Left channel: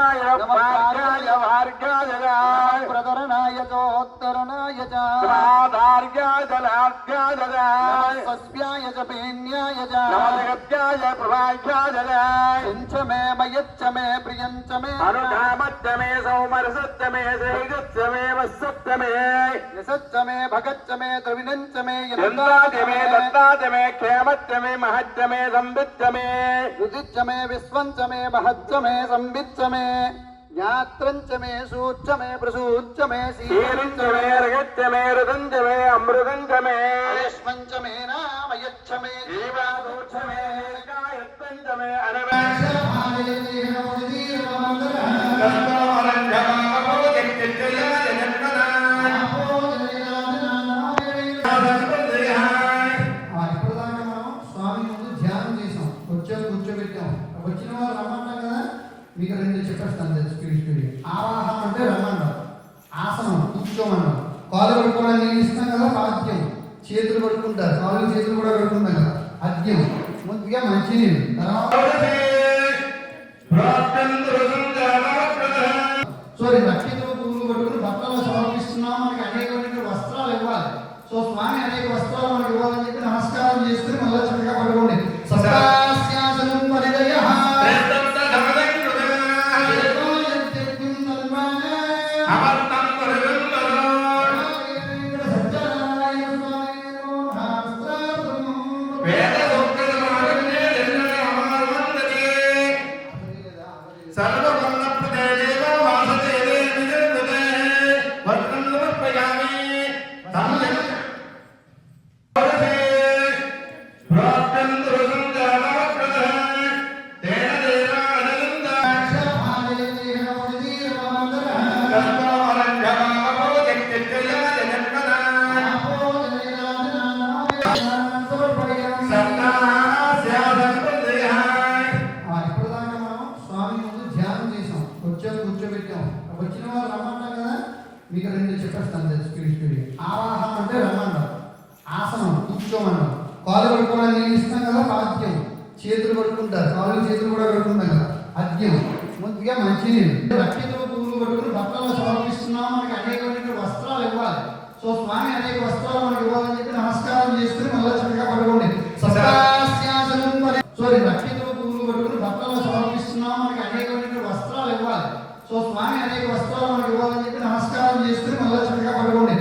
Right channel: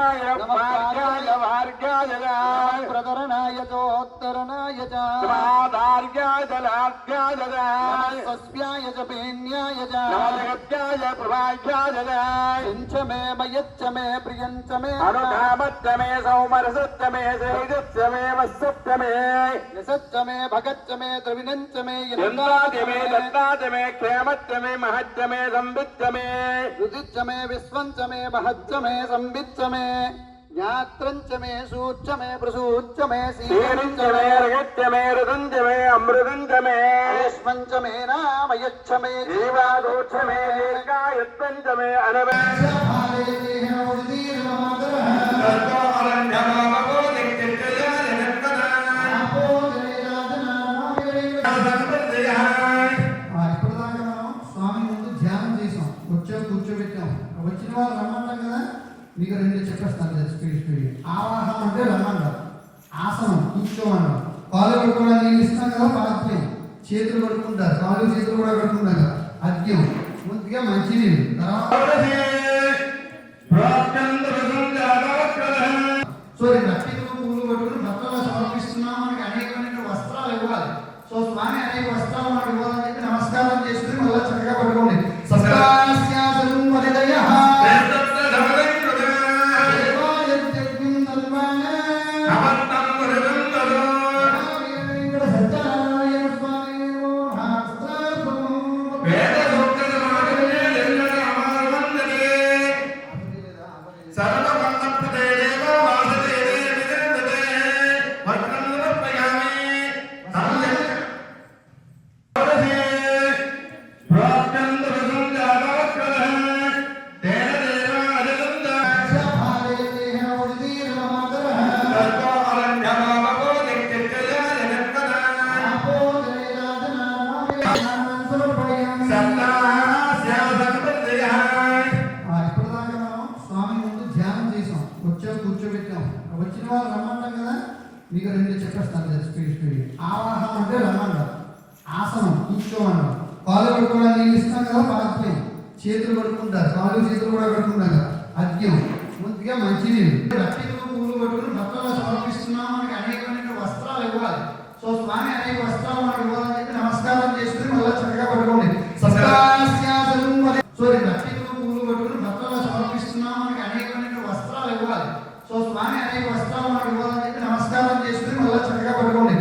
भार्गाय भार्गाय भार्गाय प्रकरणाय चोत्तरणाय च भार्गाय लार्गाय सस्याय च पेन्याय च नमस्काय प्रभाग्याय सिञ्च मे मयच्च मे प्रियञ्च मे अनुधामच्च मे सौमरसच्च मे सेविगच्च मे वत्सच्च मे यशच्च मे भगच्च मे द्रविणञ्च मे यन्दाच मे दत्ताच मे क्षेमच्च मे महच्च मे संविच्च मे रुदिच्च मे विश्वञ्च मे महच्च मे संविच्च मे ज्ञात्रञ्च मे सूच्च मे प्रसूच्च मे शीरिञ्च मे रगच्च मे रुदञ्च मे अमृतञ्च मे आयुष्मञ्च मे नामयच्च मे जीवादोच्च मे दीर्घायुत्वञ्च मे కూర్చోబెట్టాం వచ్చిన వాళ్ళు రమ్మంటాం కదా మీకు రెండు చెప్పేస్తాను స్పీడ్ ఆవాహనం అంటే రమ్మన్నాం ఆసనం కూర్చోమన్నాం కాలు పడుకోవడానికి నేను ఇస్తాం కదా పాద్యం చేతులు పడుకుంటారు కాళ్ళు చేతులు కూడా పడుకుంటాం కదా అద్యం ముందుగా మంచినీళ్ళు తర్వాత సో నక్షత్ర పువ్వులు పట్టుకుని భక్తులు సమర్పిస్తున్నాం మనకి అనేకమైన వస్త్రాలు ఇవ్వాలి సో స్వామి అనేక వస్త్రాలు మనకి ఇవ్వాలని చెప్పి నమస్కారం చేసుకుని మళ్ళీ చక్కగా పట్టుకోండి సస్యాసనం పరిదయ కూర్చోబెట్టాం వచ్చిన వాళ్ళు రమ్మంటాం కదా మీకు రెండు చెప్పేస్తాను స్పీడ్ ఆవాహనం అంటే రమ్మన్నాం ఆసనం కూర్చోమన్నాం కాలు పడుకోవడానికి నేను ఇస్తాం కదా పాద్యం చేతులు పడుకుంటారు కాళ్ళు చేతులు కూడా పడుకుంటాం కదా అద్యం ముందుగా మంచినీళ్ళు నక్షత్ర పువ్వులు పట్టుకుని భక్తులు సమర్పిస్తున్నాం మనకి అనేకమైన వస్త్రాలు ఇవ్వాలి సో స్వామి అనేక వస్త్రాలు మనకి ఇవ్వాలని చెప్పి నమస్కారం చేసుకుని మళ్ళీ చక్కగా పట్టుకోండి సో నక్షత్ర పువ్వులు పట్టుకుని భక్తులు సమర్పిస్తున్నాం మనకి అనేకమైన వస్త్రాలు ఇవ్వాలి సో స్వామి అనేక వస్త్రాలు మనకి ఇవ్వాలని చెప్పి నమస్కారం చేసుకుని మళ్ళీ చక్కగా పట్టుకోండి